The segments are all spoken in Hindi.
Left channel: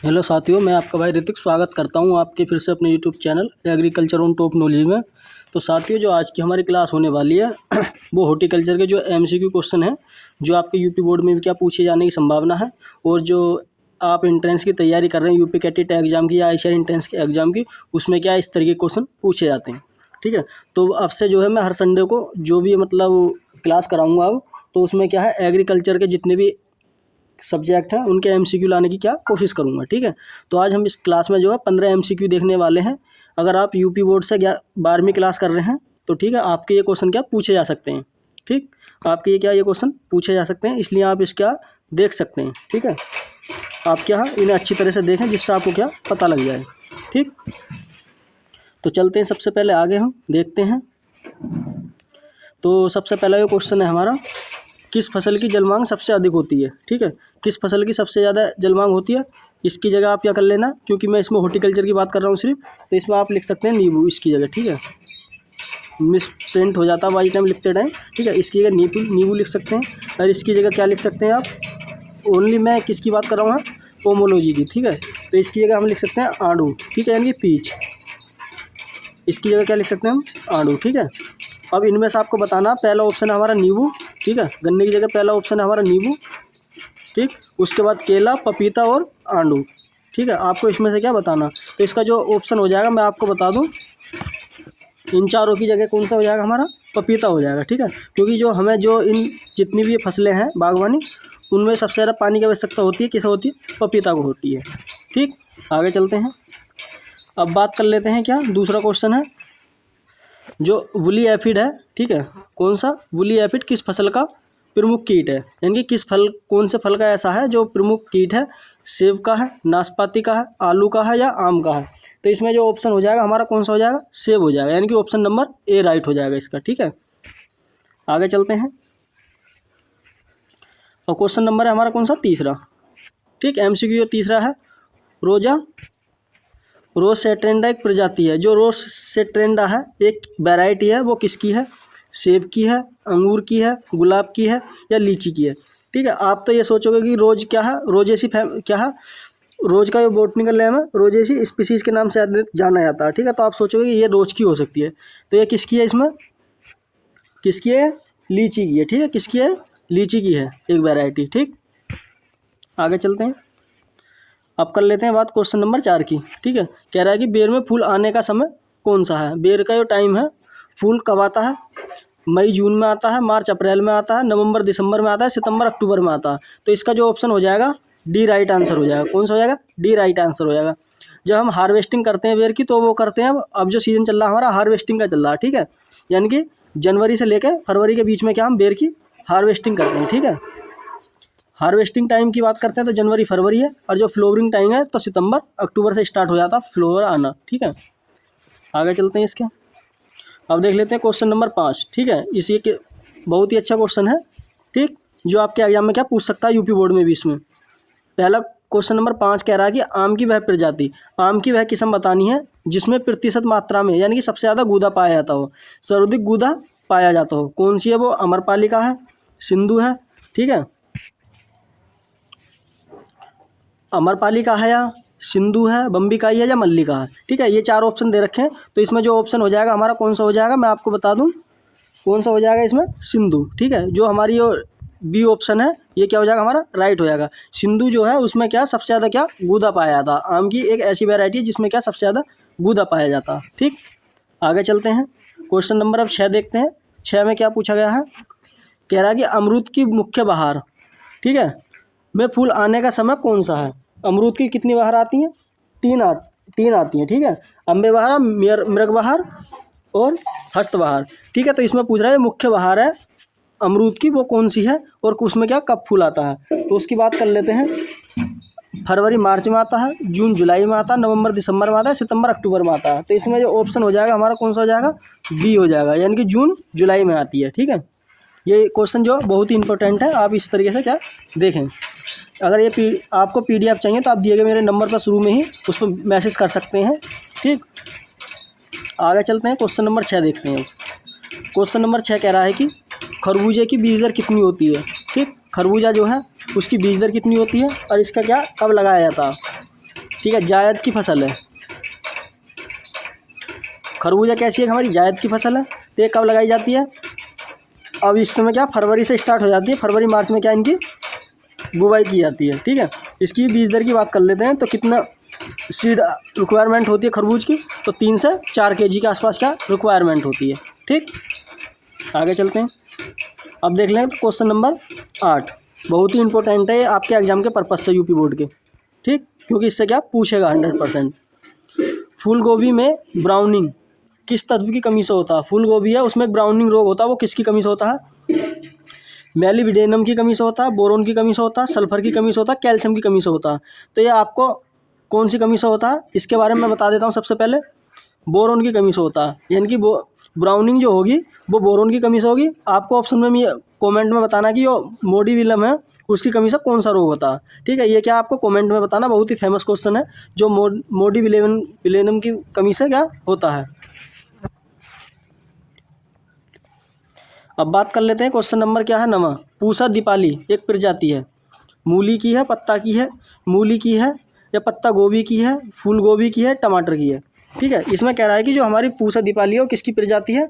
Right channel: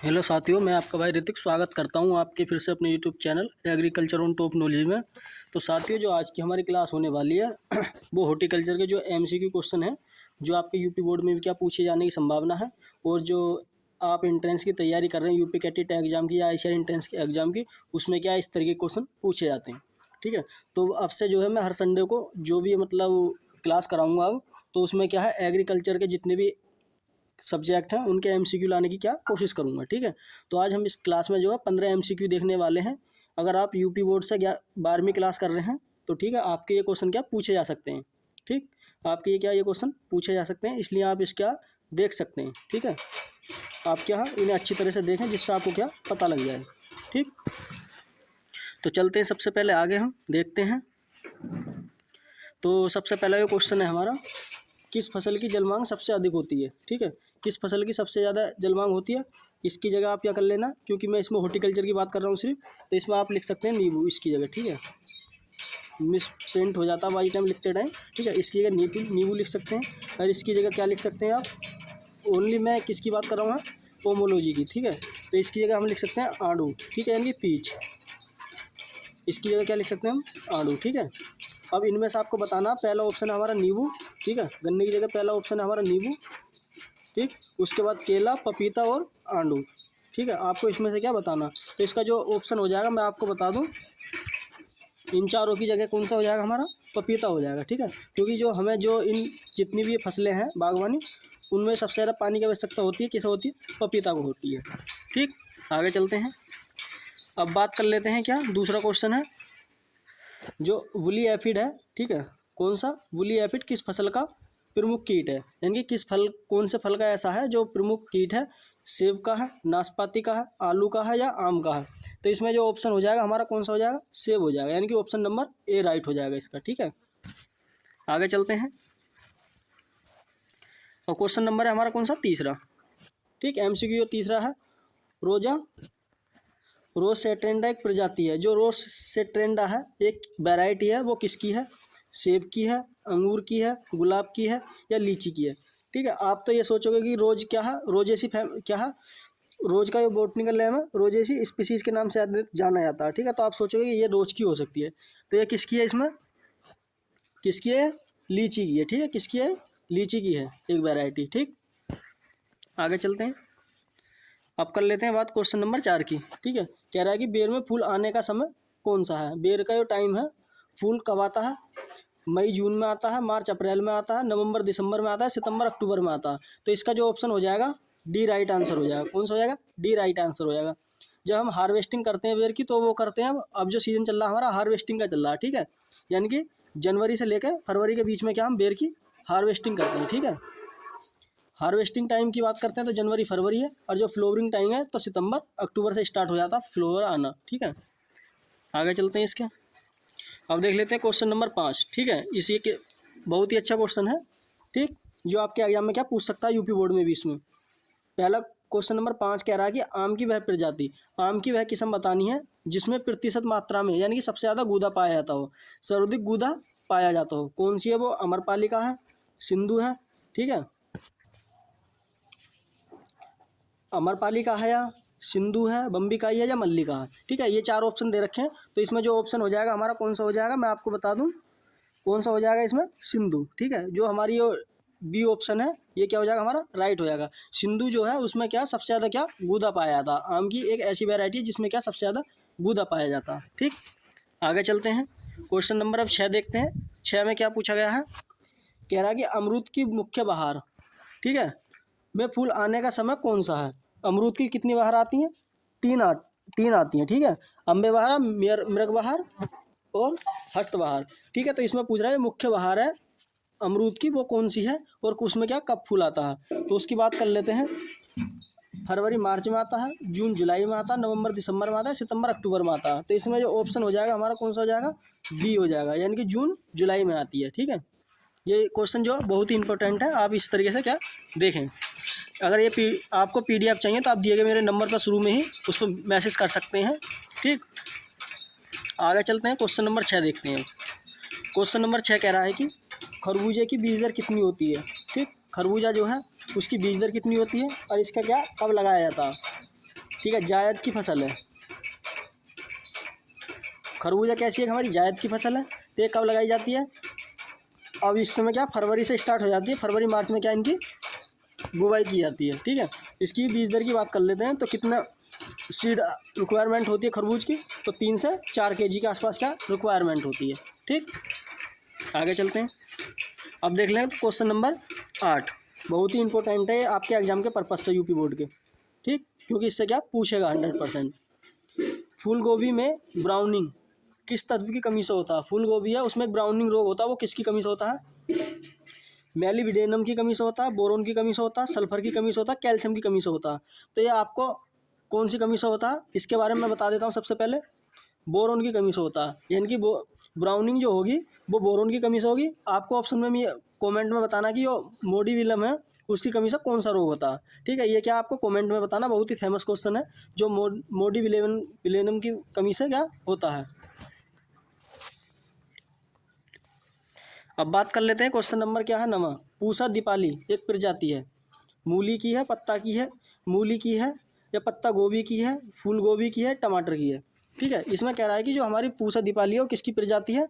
हेलो साथियों, मैं आपका भाई ऋतिक स्वागत करता हूं आपके फिर से अपने YouTube channel agriculture on top knowledge में। तो साथियों, जो आज की हमारी क्लास होने वाली है वो हॉर्टिकल्चर के जो एमसीक्यू क्वेश्चन है, जो आपके यूपी बोर्ड में भी क्या पूछे जाने की संभावना है, और जो आप एंट्रेंस की तैयारी कर रहे हैं यूपी कैटेट एग्जाम की या आईसीआर एंट्रेंस के एग्जाम की, उसमें क्या इस तरीके के क्वेश्चन पूछे जाते हैं। ठीक है, तो अब से जो है मैं हर संडे को जो भी मतलब क्लास कराऊँगा अब, तो उसमें क्या है एग्रीकल्चर के जितने भी सब्जेक्ट हैं उनके एमसीक्यू लाने की क्या कोशिश करूंगा। ठीक है, तो आज हम इस क्लास में जो है 15 एमसीक्यू देखने वाले हैं। अगर आप यूपी बोर्ड से 12वीं क्लास कर रहे हैं तो ठीक है, आपके ये क्वेश्चन क्या पूछे जा सकते हैं। ठीक, आपके ये क्वेश्चन पूछे जा सकते हैं, इसलिए आप इसका देख सकते हैं। ठीक है, आप क्या इन्हें अच्छी तरह से देखें जिससे आपको क्या पता लग जाए। ठीक, तो चलते हैं, सबसे पहले आगे हम देखते हैं। तो सबसे पहला ये क्वेश्चन है हमारा, किस फसल की जल मांग सबसे अधिक होती है। ठीक है, किस फसल की सबसे ज़्यादा जल मांग होती है, इसकी जगह आप क्या कर लेना, क्योंकि मैं इसमें हॉर्टिकल्चर की बात कर रहा हूँ सिर्फ, तो इसमें आप लिख सकते हैं नींबू इसकी जगह। ठीक है, मिस प्रिंट हो जाता है बाई टाइम लिखते टाइम। ठीक है, इसकी जगह नींबू लिख सकते हैं, और इसकी जगह क्या लिख सकते हैं आप, ओनली मैं किसकी बात कर रहा हूँ, पोमोलॉजी की। ठीक है, तो इसकी जगह हम लिख सकते हैं आड़ू। ठीक है, यानी कि पीच, इसकी जगह क्या लिख सकते हैं हम, आड़ू। ठीक है, अब इनमें से आपको बताना, पहला ऑप्शन है हमारा नींबू। ठीक है, गन्ने की जगह पहला ऑप्शन है हमारा नींबू। ठीक, उसके बाद केला, पपीता और आड़ू। ठीक है, आपको इसमें से क्या बताना, तो इसका जो ऑप्शन हो जाएगा मैं आपको बता दूं, इन चारों की जगह कौन सा हो जाएगा हमारा, पपीता हो जाएगा। ठीक है, क्योंकि जो हमें जो इन जितनी भी ये फसलें हैं बागवानी, उनमें सबसे ज़्यादा पानी की आवश्यकता होती है, किसे होती है, पपीता को होती है। ठीक, आगे चलते हैं, अब बात कर लेते हैं क्या, दूसरा क्वेश्चन है जो वुली एफिड है। ठीक है, कौन सा, वुली एफिड किस फसल का प्रमुख कीट है, यानी कि किस फल, कौन से फल का ऐसा है जो प्रमुख कीट है, सेब का है, नाशपाती का है, आलू का है या आम का है। तो इसमें जो ऑप्शन हो जाएगा हमारा कौन सा हो जाएगा, सेब हो जाएगा, यानी कि ऑप्शन नंबर ए राइट हो जाएगा इसका। ठीक है, आगे चलते हैं, और क्वेश्चन नंबर है हमारा कौन सा, तीसरा। ठीक, एमसीक्यू तीसरा है, रोजा रोसेट्रेंडा एक प्रजाति है, जो रोसेट्रेंडा है एक वैरायटी है, वो किसकी है, सेब की है, अंगूर की है, गुलाब की है या लीची की है। ठीक है, आप तो ये सोचोगे कि रोज क्या है, रोजेसी क्या है, रोज का जो बॉटनिकल नेम है रोजेसी स्पीसीज के नाम से जाना जाता है। ठीक है, तो आप सोचोगे कि ये रोज की हो सकती है, तो ये किसकी है, इसमें किसकी है, लीची की है। ठीक है, किसकी है, लीची की है एक वैरायटी। ठीक, आगे चलते हैं, अब कर लेते हैं बात क्वेश्चन नंबर 4 की। ठीक है, कह रहा है कि बेर में फूल आने का समय कौन सा है, बेर का जो टाइम है, फूल कब आता है, मई जून में आता है, मार्च अप्रैल में आता है, नवंबर दिसंबर में आता है, सितंबर अक्टूबर में आता है। तो इसका जो ऑप्शन हो जाएगा डी राइट आंसर हो जाएगा। कौन सा हो जाएगा, डी राइट आंसर हो जाएगा। जब हम हार्वेस्टिंग करते हैं बेर की, तो वो करते हैं, अब जो सीजन चल रहा है हमारा हार्वेस्टिंग का चल रहा है। ठीक है, यानी कि जनवरी से लेकर फरवरी के बीच में क्या हम बेर की हार्वेस्टिंग करते हैं। ठीक है, हार्वेस्टिंग टाइम की बात करते हैं तो जनवरी फरवरी है, और जो फ्लोवरिंग टाइम है तो सितंबर अक्टूबर से स्टार्ट हो जाता है फ्लोवर आना। ठीक है, आगे चलते हैं इसके, अब देख लेते हैं क्वेश्चन नंबर 5। ठीक है, इसी के बहुत ही अच्छा क्वेश्चन है। ठीक, जो आपके एग्जाम में क्या पूछ सकता है यूपी बोर्ड में भी। इसमें पहला क्वेश्चन नंबर 5 कह रहा है कि आम की वह प्रजाति, आम की वह किस्म बतानी है जिसमें प्रतिशत मात्रा में, यानी कि सबसे ज़्यादा गूदा पाया जाता हो, सर्वाधिक गूदा पाया जाता हो, कौन सी है वो, अमरपाली का है, सिंधु है, ठीक है, अमरपाली का है या सिंधु है, बम्बिकाई है या मल्लिका है। ठीक है, ये 4 ऑप्शन दे रखे हैं, तो इसमें जो ऑप्शन हो जाएगा हमारा कौन सा हो जाएगा, मैं आपको बता दूं कौन सा हो जाएगा इसमें, सिंधु। ठीक है, जो हमारी ये बी ऑप्शन है ये क्या हो जाएगा हमारा, राइट हो जाएगा। सिंधु जो है उसमें क्या सबसे ज़्यादा क्या गूदा पाया जाता है, आम की एक ऐसी वैरायटी है जिसमें क्या सबसे ज़्यादा गूदा पाया जाता है। ठीक, आगे चलते हैं, क्वेश्चन नंबर अब 6 देखते हैं। 6 में क्या पूछा गया है, कह रहा है कि अमरूद की मुख्य बहार, ठीक है, में फूल आने का समय कौन सा है। अमरूद की कितनी बहार आती हैं, 3 आती हैं। ठीक है, अम्बे बहार, मृग बहार और हस्त बहार। ठीक है, तो इसमें पूछ रहा है मुख्य बहार है अमरूद की वो कौन सी है, और उसमें क्या कब फूल आता है। तो उसकी बात कर लेते हैं, फरवरी मार्च में आता है, जून जुलाई में आता है, नवंबर दिसंबर में आता है, सितंबर अक्टूबर में आता है। तो इसमें जो ऑप्शन हो जाएगा हमारा कौन सा हो जाएगा, बी हो जाएगा, यानी कि जून जुलाई में आती है। ठीक है, ये क्वेश्चन जो बहुत ही इंपॉर्टेंट है, आप इस तरीके से क्या देखें। अगर ये आपको पीडीएफ चाहिए तो आप दिए गए मेरे नंबर पर शुरू में ही उस पर मैसेज कर सकते हैं। ठीक, आगे चलते हैं, क्वेश्चन नंबर 6 देखते हैं। क्वेश्चन नंबर 6 कह रहा है कि खरबूजे की बीज दर कितनी होती है। ठीक, खरबूजा जो है उसकी बीज दर कितनी होती है और इसका क्या कब लगाया जाता है। ठीक है, जायद की फसल है। खरबूजा कैसी है, हमारी जायद की फसल है। तो ये कब लगाई जाती है, अब इस समय क्या फरवरी से स्टार्ट हो जाती है, फरवरी मार्च में क्या इनकी बुवाई की जाती है। ठीक है, इसकी बीज दर की बात कर लेते हैं। तो कितना सीड रिक्वायरमेंट होती है खरबूज की, तो 3 से 4 kg के आसपास क्या रिक्वायरमेंट होती है। ठीक, आगे चलते हैं। अब देख लें क्वेश्चन नंबर 8, बहुत ही इंपॉर्टेंट है आपके एग्जाम के पर्पज से, यूपी बोर्ड के। ठीक, क्योंकि इससे क्या पूछेगा 100%। फूल गोभी में ब्राउनिंग किस तत्व की कमी से होता है। फूल गोभी है, उसमें ब्राउनिंग रोग होता है, वो किसकी कमी से होता है, मेलिविडेनम की कमी से होता है, बोरोन की कमी से होता है, सल्फर की कमी से होता है, कैल्शियम की कमी से होता है। तो ये आपको कौन सी कमी से होता है, इसके बारे में मैं बता देता हूँ। सबसे पहले बोरोन की कमी से होता है, यानी कि ब्राउनिंग जो होगी वो बोरोन की कमी से होगी। आपको ऑप्शन में कमेंट में बताना कि जो मोडीविलम है उसकी कमी से कौन सा रोग होता है। ठीक है, ये क्या आपको कमेंट में बताना, बहुत ही फेमस क्वेश्चन है, जो मोडीविलेनम की कमी से क्या होता है। अब बात कर लेते हैं क्वेश्चन नंबर क्या है 9, पूसा दीपाली एक प्रजाति है, मूली की है, पत्ता की है, मूली की है या पत्ता गोभी की है, फूल गोभी की है, टमाटर की है। ठीक है, इसमें कह रहा है कि जो हमारी पूसा दीपाली है वो किसकी प्रजाति है,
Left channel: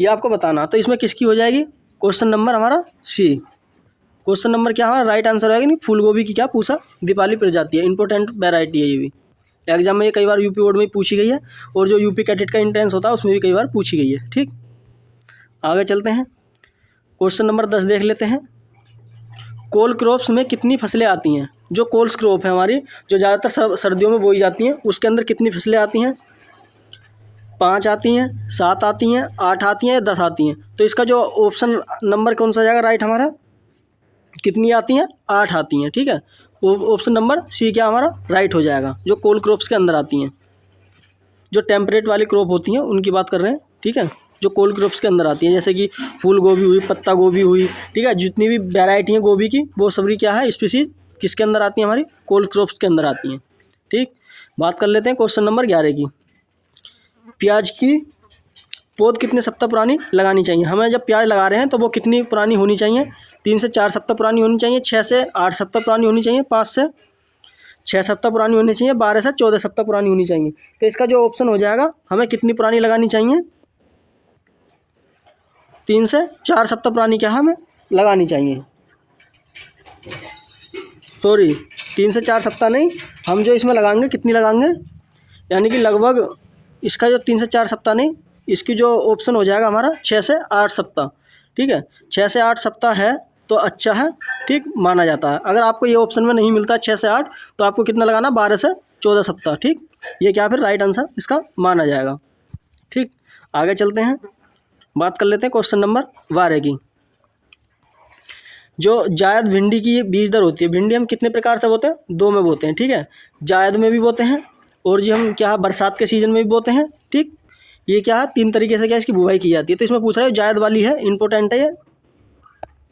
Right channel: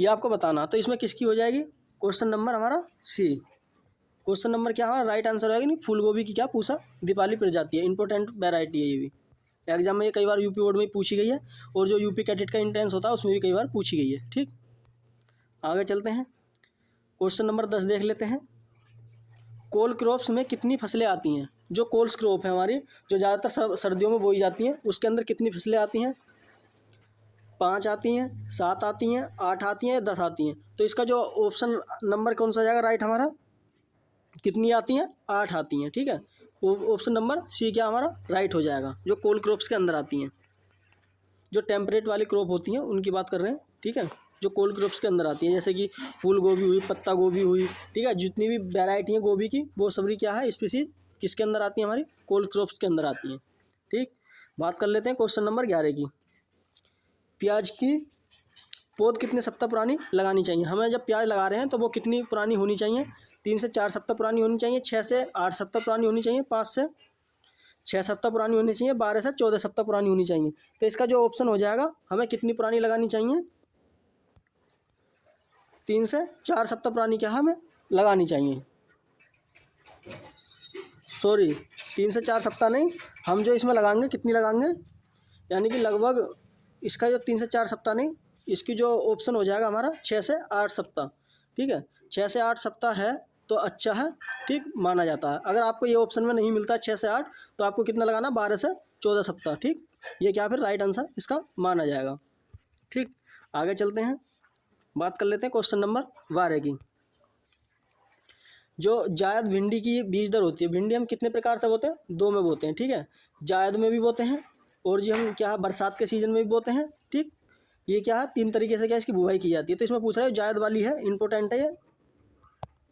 ये आपको बताना। तो इसमें किसकी हो जाएगी, क्वेश्चन नंबर हमारा सी। क्वेश्चन नंबर क्या हमारा राइट आंसर होगा, नहीं फूल गोभी की क्या पूसा दीपाली प्रजाति है, इंपॉर्टेंट वैरायटी है ये भी। एग्जाम में ये कई बार यूपी बोर्ड में पूछी गई है, और जो यूपी कैडेट का एंट्रेंस होता है उसमें भी कई बार पूछी गई है। ठीक, आगे चलते हैं। क्वेश्चन नंबर 10 देख लेते हैं। कोल क्रॉप्स में कितनी फसलें आती हैं। जो कोल्स क्रॉप है हमारी, जो ज़्यादातर सर्दियों में बोई जाती हैं, उसके अंदर कितनी फसलें आती हैं, 5 आती हैं, 7 आती हैं, 8 आती हैं, 10 आती हैं। तो इसका जो ऑप्शन नंबर कौन सा जाएगा राइट हमारा, कितनी आती हैं, 8 आती हैं। ठीक है, ऑप्शन नंबर सी क्या हमारा राइट हो जाएगा, जो कोल क्रॉप्स के अंदर आती हैं। जो टेम्परेट वाली क्रॉप होती हैं उनकी बात कर रहे हैं। ठीक है, जो कोल्ड क्रॉप्स के अंदर आती हैं, जैसे कि फूल गोभी हुई, पत्ता गोभी हुई। ठीक है, जितनी भी वैरायटी है गोभी की, वो सभी क्या है स्पीसीज किसके अंदर आती हैं, हमारी कोल्ड क्रॉप्स के अंदर आती हैं। ठीक, बात कर लेते हैं क्वेश्चन नंबर 11 की। प्याज की पौध कितने सप्ताह पुरानी लगानी चाहिए। हमें जब प्याज लगा रहे हैं तो वो कितनी पुरानी होनी चाहिए, 3 से 4 सप्ताह पुरानी होनी चाहिए, 6 से 8 सप्ताह पुरानी होनी चाहिए, 5 से 6 सप्ताह पुरानी होनी चाहिए, 12 से 14 सप्ताह पुरानी होनी चाहिए। तो इसका जो ऑप्शन हो जाएगा, हमें कितनी पुरानी लगानी चाहिए, 3 से 4 सप्ताह पुरानी क्या हमें लगानी चाहिए। सॉरी, 3 से 4 सप्ताह नहीं, हम जो इसमें लगाएंगे कितनी लगाएंगे, यानी कि लगभग इसका जो 3 से 4 सप्ताह नहीं, इसकी जो ऑप्शन हो जाएगा हमारा 6 से 8 सप्ताह। ठीक है, 6 से 8 सप्ताह है तो अच्छा है, ठीक माना जाता है। अगर आपको ये ऑप्शन में नहीं मिलता 6 से 8, तो आपको कितना लगाना, 12 से 14 सप्ताह। ठीक, ये क्या फिर राइट आंसर इसका माना जाएगा। ठीक, आगे चलते हैं, बात कर लेते हैं क्वेश्चन नंबर 12 की। जो जायद भिंडी की बीज दर होती है, भिंडी हम कितने प्रकार से बोते हैं, 2 में बोते हैं। ठीक है, जायद में भी बोते हैं, और जी हम क्या बरसात के सीजन में भी बोते हैं। ठीक, ये क्या है 3 तरीके से क्या इसकी बुवाई की जाती है। तो इसमें पूछ रहा है जायद वाली है, इंपॉर्टेंट है ये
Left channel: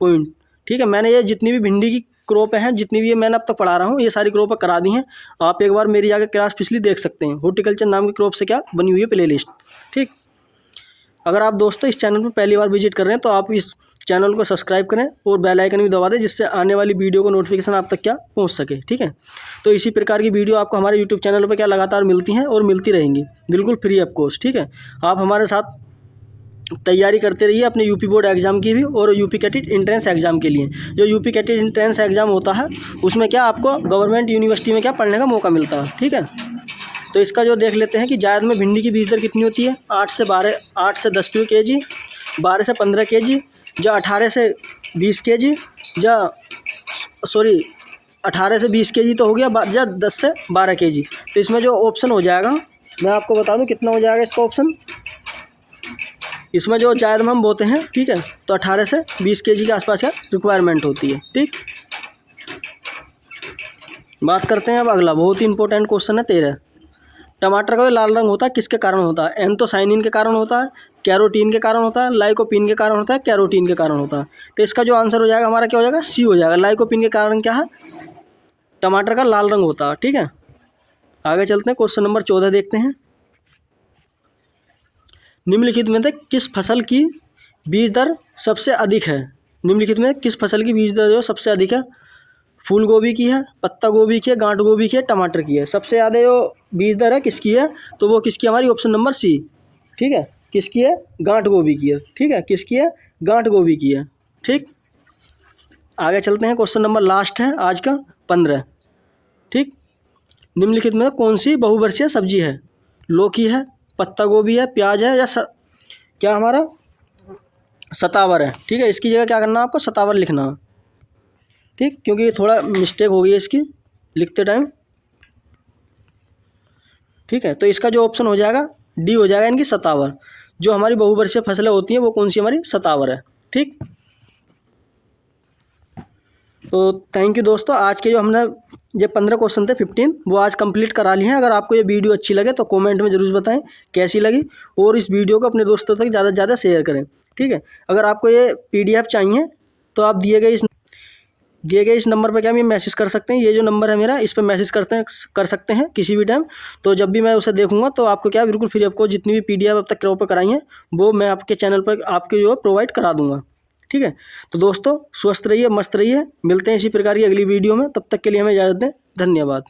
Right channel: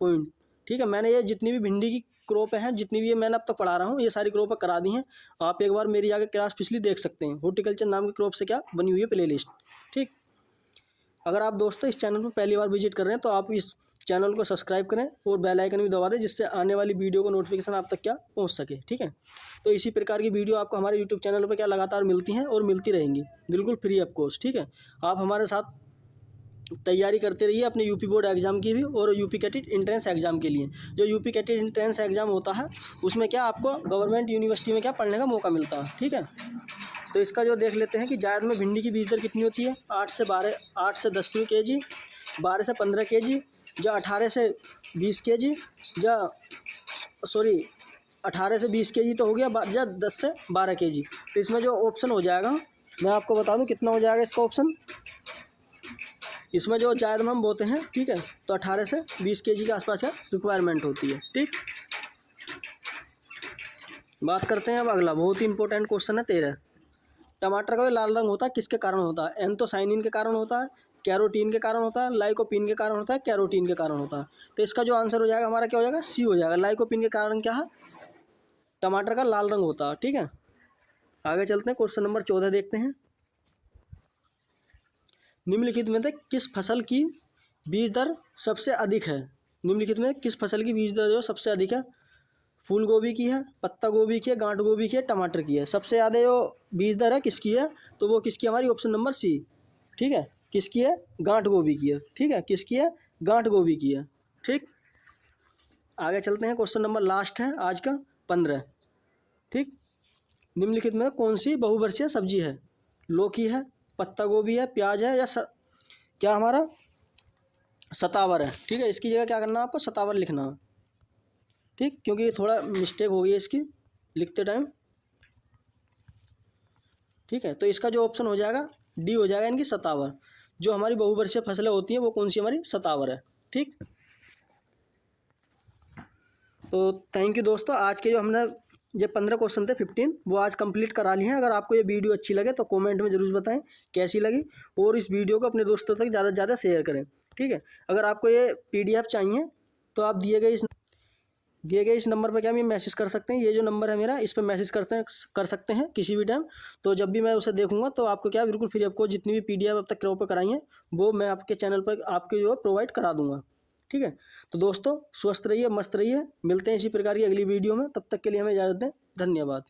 पॉइंट। ठीक है, मैंने ये जितनी भी भिंडी की क्रॉप हैं, जितनी भी ये मैंने अब तक पढ़ा रहा हूँ, ये सारी क्रॉप करा दी हैं। आप एक बार मेरी जाकर क्लास पिछली देख सकते हैं, हॉर्टिकल्चर नाम की क्रॉप से क्या बनी हुई है प्लेलिस्ट। ठीक, अगर आप दोस्तों इस चैनल पर पहली बार विजिट कर रहे हैं तो आप इस चैनल को सब्सक्राइब करें और बेल आइकन भी दबा दें, जिससे आने वाली वीडियो को नोटिफिकेशन आप तक क्या पहुंच सके। ठीक है, तो इसी प्रकार की वीडियो आपको हमारे यूट्यूब चैनल पर क्या लगातार मिलती हैं और मिलती रहेंगी, बिल्कुल फ्री ऑफ कॉस्ट। ठीक है, आप हमारे साथ तैयारी करते रहिए अपने यूपी बोर्ड एग्जाम की भी, और यूपी कैटेट एंट्रेंस एग्जाम के लिए। जो यूपी कैटेट एंट्रेंस एग्जाम होता है उसमें क्या आपको गवर्नमेंट यूनिवर्सिटी में क्या पढ़ने का मौका मिलता है। ठीक है, तो इसका जो देख लेते हैं कि जायद में भिंडी की बीज दर कितनी होती है, 8 से 10 kg, 12 से 15 kg, या 18 से 20 kg, या सॉरी 18 से 20 kg तो हो गया, या 10 से 12 kg। तो इसमें जो ऑप्शन हो जाएगा मैं आपको बता दूं कितना हो जाएगा इसका ऑप्शन। इसमें जो जायद में हम बोते हैं, ठीक है, तो 18 से 20 kg के आसपास क्या रिक्वायरमेंट होती है। ठीक, बात करते हैं अब अगला, बहुत ही इंपॉर्टेंट क्वेश्चन है 13। टमाटर का जो लाल रंग होता है किसके कारण होता है, एंथोसाइनिन के कारण होता है, कैरोटीन के कारण होता है, लाइकोपीन के कारण होता है, कैरोटीन के कारण होता है। तो इसका जो आंसर हो जाएगा हमारा क्या हो जाएगा, सी हो जाएगा। लाइकोपीन के कारण क्या है, टमाटर का लाल रंग होता है। ठीक है, आगे चलते हैं, क्वेश्चन नंबर 14 देखते हैं। निम्नलिखित में से किस फसल की बीज दर सबसे अधिक है। निम्नलिखित में किस फसल की बीज दर जो सबसे अधिक है, फूल गोभी की है, पत्ता गोभी की है, गांठ गोभी की है, टमाटर की है। सबसे ज़्यादा जो बीज दर है किसकी है, तो वो किसकी, हमारी ऑप्शन नंबर सी। ठीक है, किसकी है, गांठ गोभी की है। ठीक है, किसकी है, गांठ गोभी की है। ठीक, आगे चलते हैं। क्वेश्चन नंबर लास्ट है आज का 15। ठीक, निम्नलिखित में कौन सी बहुवर्षीय सब्जी है? लौकी है, पत्ता गोभी है, प्याज है, या क्या हमारा सतावर है। ठीक है, इसकी जगह क्या करना है आपको, सतावर लिखना है। ठीक, क्योंकि ये थोड़ा मिस्टेक हो गई है इसकी लिखते टाइम। ठीक है, तो इसका जो ऑप्शन हो जाएगा डी हो जाएगा, इनकी सतावर। जो हमारी बहुवर्षीय फसलें होती हैं वो कौन सी, हमारी सतावर है। ठीक, तो थैंक यू दोस्तों। आज के जो हमने ये 15 क्वेश्चन थे 15, वो आज कंप्लीट करा लिए हैं। अगर आपको ये वीडियो अच्छी लगे तो कमेंट में ज़रूर बताएं कैसी लगी, और इस वीडियो को अपने दोस्तों तक ज़्यादा से ज़्यादा शेयर करें। ठीक है, अगर आपको ये PDF चाहिए तो आप दिए गए इस नंबर पर क्या मैं मैसेज कर सकते हैं। ये जो नंबर है मेरा, इस पर मैसेज कर सकते हैं किसी भी टाइम। तो जब भी मैं उसे देखूंगा तो आपको क्या बिल्कुल फ्री आपको जितनी भी PDF अब तक क्रॉप कराई हैं वो मैं आपके चैनल पर आपके जो प्रोवाइड करा दूंगा। ठीक है, तो दोस्तों स्वस्थ रहिए, मस्त रहिए। मिलते हैं इसी प्रकार की अगली वीडियो में, तब तक के लिए हमें इजाज़त दें। धन्यवाद।